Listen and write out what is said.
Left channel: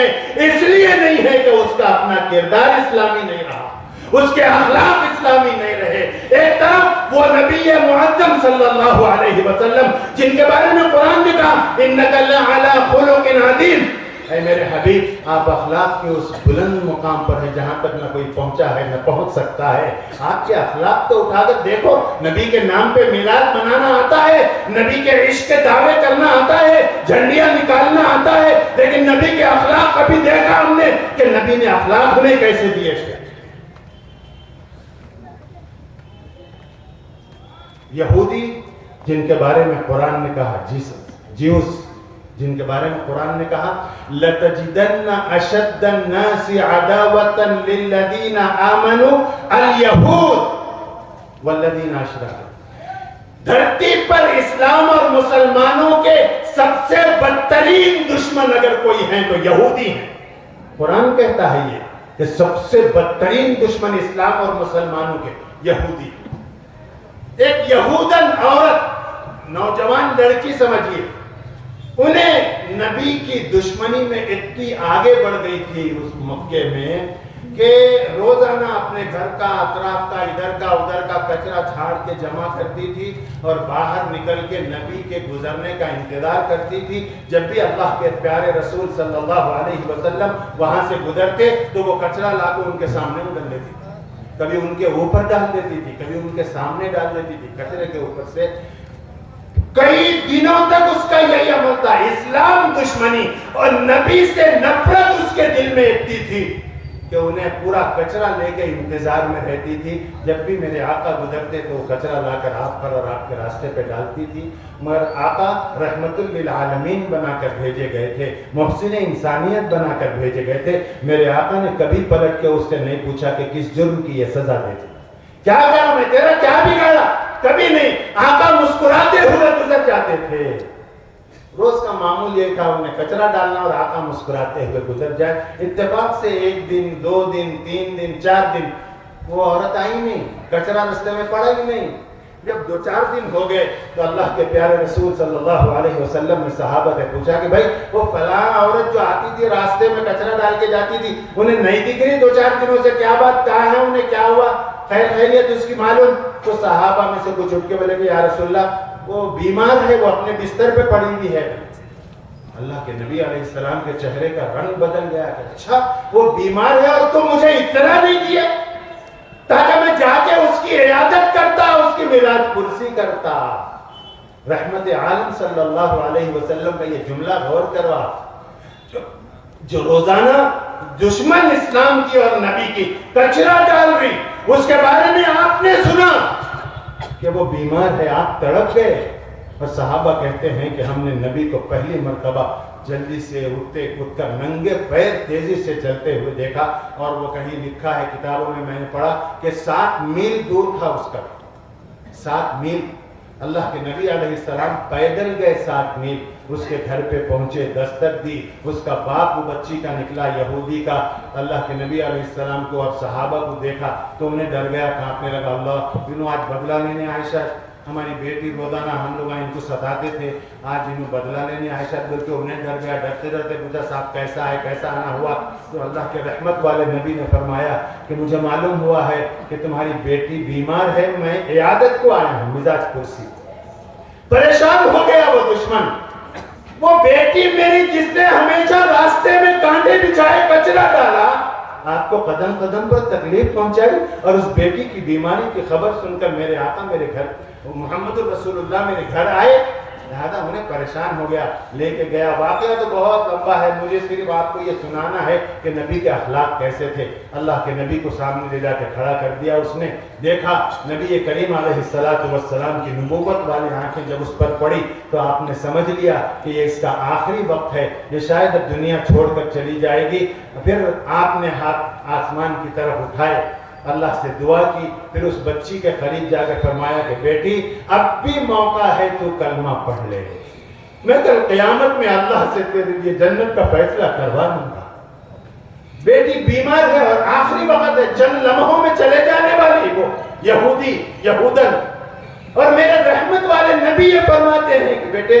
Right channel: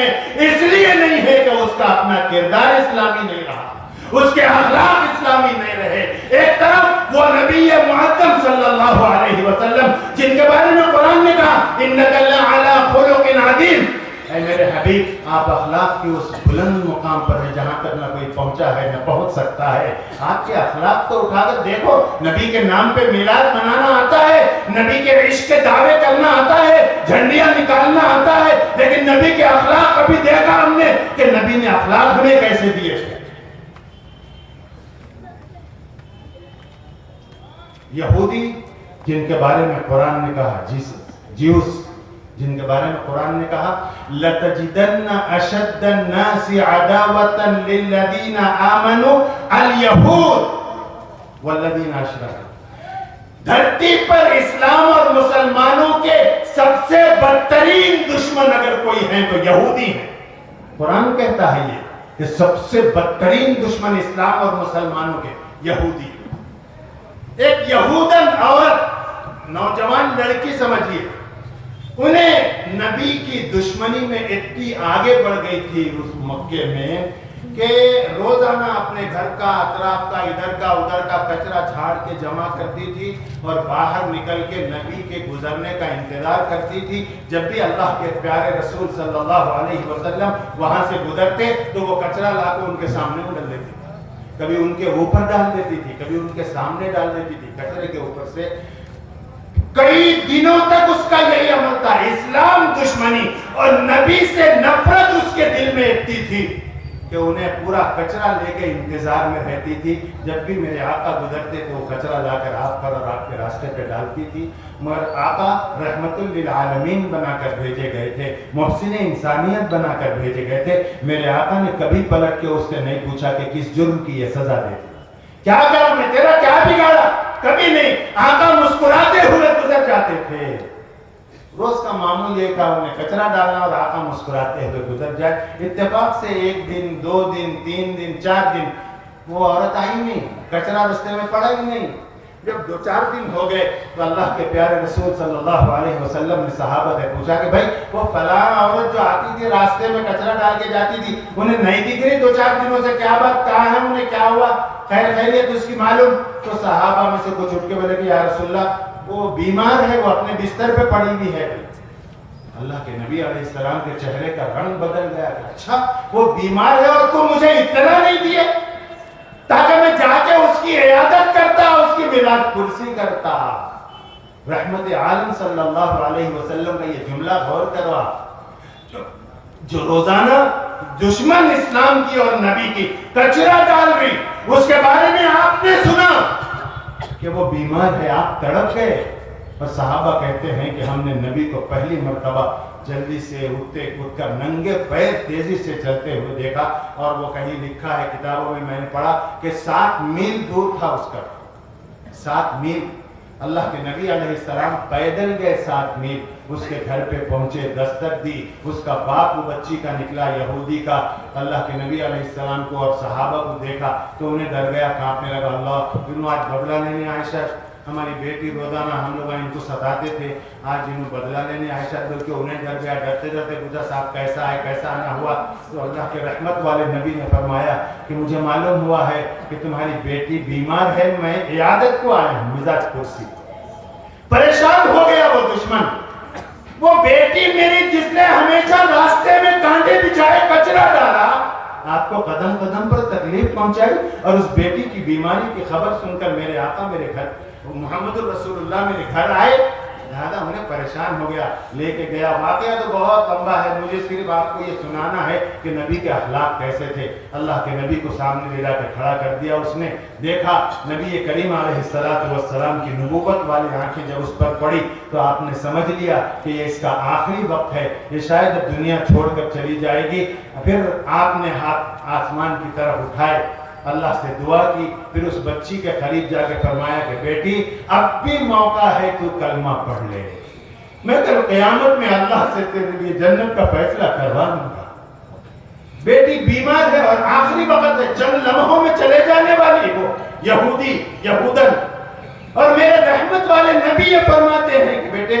ہے، اس لیے نہیں ہے کہ اس کا اپنا کردار اسلامی نہیں رہا، اس کے اخلاق اسلامی نہیں رہے۔ ایک طرف وہ نبی معظم صلی اللہ علیہ وسلم جن کے بارے میں قرآن نے کہا انک لعلی خلق عظیم، اے میرے حبیب آپ اخلاق کے اس بلند مقام پر ہیں جہاں تک نہ کوئی پہنچا ہے نہ پہنچ سکتا ہے۔ آپ کے اخلاق تو اٹھا کر دیکھو، نبی کے نام پہ میلاد منانا آتا ہے، نبی کے عشق کے دعوے کرنا آتا ہے، جھنڈیاں نکالنا آتا ہے، لیکن نبی کے اخلاق کبھی دیکھا ہم نے کہ نبی نے اخلاق ہمیں کیسے دیے تھے؟ یہودی جن کے بارے میں قرآن نے کہا جیوس جن کے بارے میں قرآن نے کہا لَتَجِدَنَّ أَشَدَّ النَّاسِ عَدَاوَةً لِلَّذِينَ آمَنُوا الْيَهُودُ وَالَّذِينَ أَشْرَكُوا، دھرتی پر اسلام اور مسلمانوں کے سب سے بدترین دشمن اگر کوئی ہیں تو یہودی ہیں۔ قرآن کہتا ہے یہ کہ سب سے بدترین دشمن اسلام اور مسلمانوں کے یہودی ہیں۔ ایک یہودن عورت، نوجوان لڑکی سمجھیے، انہیں نبی کی دشمنی میں اتنی آگے بڑھ گئی تھی اس مکے میں کہ روزانہ اپنے گھر کا اطراف کا ادھر کا ادھر کا کچرا جھاڑ کے جمع کرتی تھی اور باہر نکل کے نبی کے گزرنے کا انتظار کرتی تھی۔ جب بھی اللہ کے پیارے رسول صلی اللہ علیہ وسلم وہاں سے گزرتے تو وہ کچرا لا کے ان کے سامنے میں ڈال دیتی تھی، کبھی ان کے اوپر ڈال دیتی تھی، کبھی ان کے سامنے ڈال دیتی تھی کچرے کے اوپر سے۔ کئی دنوں تک اس کا یہی عمل تھا، اسلام دشمنی اور نبی سے نفرت اس کے دل میں اتنی تھی کہ انہیں پورا کچرا لے کے انتظار میں رہتی تھی۔ جب بھی میرے آقا گزرتے تو وہ کچرا لا کر آپ پر اور آپ کے راستے پہ ڈالتی تھی۔ مگر آقا رحمت للعالمین بنا کر بھیجے گئے تھے، محسن انسانیت بنا کر بھیجے گئے تھے۔ میرے آقا نے کبھی پلٹ کے اس سے نہیں پوچھا کہ کس جرم کی یہ سزا دیتی، کیا کرا میں تیرا، کیا بگاڑا، کبھی نہیں۔ آقا مسکراتے ہوئے گزر جاتے تھے۔ روز کا معمول یہ تھا انہیں کچرا ڈالنا اور آقا مسکراتے ہوئے گزر جائے۔ اتفاق سے ایک دن، 2 دن، 3 دن، 4 دن وہ عورت آئی نہیں، کچرا رستے میں پڑا ہی نہیں۔ جب 2-4 دن ہو گئے تو اللہ کے پیارے رسول صلی اللہ علیہ وسلم نے صحابہ سے پوچھا کہ بھائی وہ فلاں عورت جو آتی تھی راستے میں کچرا ڈال کے جاتی تھی انہیں نہیں دکھ رہی 2-4 دنوں سے، کیا بات، کہاں ہے، انہیں کیا ہوا، خیر خیریت اس کی معلوم؟ تو صحابہ میں سے کچھ اٹھ کے بولے کہ یا رسول اللہ وہ بیمار ہے، وہ اپنے بستر پہ پڑی ہوئی ہے۔ اللہ کے نبی علیہ السلام کے چہرے کا رنگ بدل گیا کہ اچھا وہ بیمار ہے اور تم مجھے اطلاع نہیں دیا تاکہ میں جا کے اس کی عیادت کرتا، اس کی میلاد پرسی کرتا۔ رحمت عالم صلی اللہ علیہ وسلم کا یہ جملہ غور کروا، جو روزانہ دشمن اسلام کی اور نبی کی کچرا ڈال رہی، اس کے بارے میں آپ نے سنا کہ وہ بیمار ہے، آپ تڑپ گئے۔ اور صحابہ کہتے ہیں کہ ہم نے نبی کو پہلی مرتبہ جلدی سے اٹھتے اٹھ کر ننگے پیر تیزی سے چلتے ہوئے دیکھا، اور وہ کہیں لکھا ہے کتابوں میں نے پڑھا کہ 7 میل دور تھا اس کا، 7 میل۔ اللہ کے نبی علیہ السلام پیدل گئے 7 میل، اس کے گھر پہ پہنچے، دستک دی، اس کا باپ وہ بچی کا نکلا یہودی کا، اللہ کے نبی علیہ السلام کو اور صحابہ کو دیکھا تو انہیں ڈر گیا، کانپنے لگا، اللہ انہوں آج بدلہ لینے عائشہ ہماری بیٹی روزانہ ہم لوگ ان کو ستاتے تھے، آج انہوں بدلہ لینے عائشہ، بلکہ انہیں ڈر گیا، ڈرتے ڈرتے پوچھا صاحب کیسا ہے، کیسا آنا ہوا؟ تو اللہ کے رحمت والے نبی نے فرمایا کہ مجھے معلوم ہوا ہے کہ تمہاری بیٹی بیمار ہے، میں عیادت کو آیا ہوں، مزاج پرسی۔ پریشان ہو گیا وہ دشمن، وہ بیٹی میری جس نے ہمیشہ راستے میں کانٹے بچھائے کچرا ڈالا، آپ کو قدم قدم پر تکلیف پہنچائی، اور اس بیٹی کی بیماری کی خبر سن کر میرے آقا میرے گھر محمد الرسول اللہ میرے گھر آئے، لہذا انہیں پریشان ہو گیا، لے کے گیا۔ واقعہ تو بہت لمبا ہے، مجھے صرف آپ کو یہ سنانا ہے کہ نبی کے اخلاق کیسے تھے۔ اللہ کے نبی کو سامنے لے جا کے کھڑا کر دیا، اس نے دیکھا نبی کریم علیہ السلام کی نبوت والی آنکھیں جب اس پر پڑی تو آپ نے سمجھ لیا کہ یہ اس کا آخری وقت ہے، یہ شاید اب دنیا چھوڑ کر چلی جائے گی۔ پھر آپ نے ہاتھ آسمان کی طرف اٹھائے، اللہ سے دعا کی، پھر اس بچی کے قریب جا کر فرمایا کہ بیٹی اب بھی موقع ہے تو کلمہ پڑھ لے، میں کل قیامت میں اللہ سے تیرے لیے جنت کا فیصلہ کروا دوں گا۔ بیٹی بیمار ہے اور آخری وقت ہے، چند لمحوں میں چلے جانے والی وہ یہودی یہودن، اور میرے رحمت والے نبی یہ فرماتے ہیں کہ بیٹے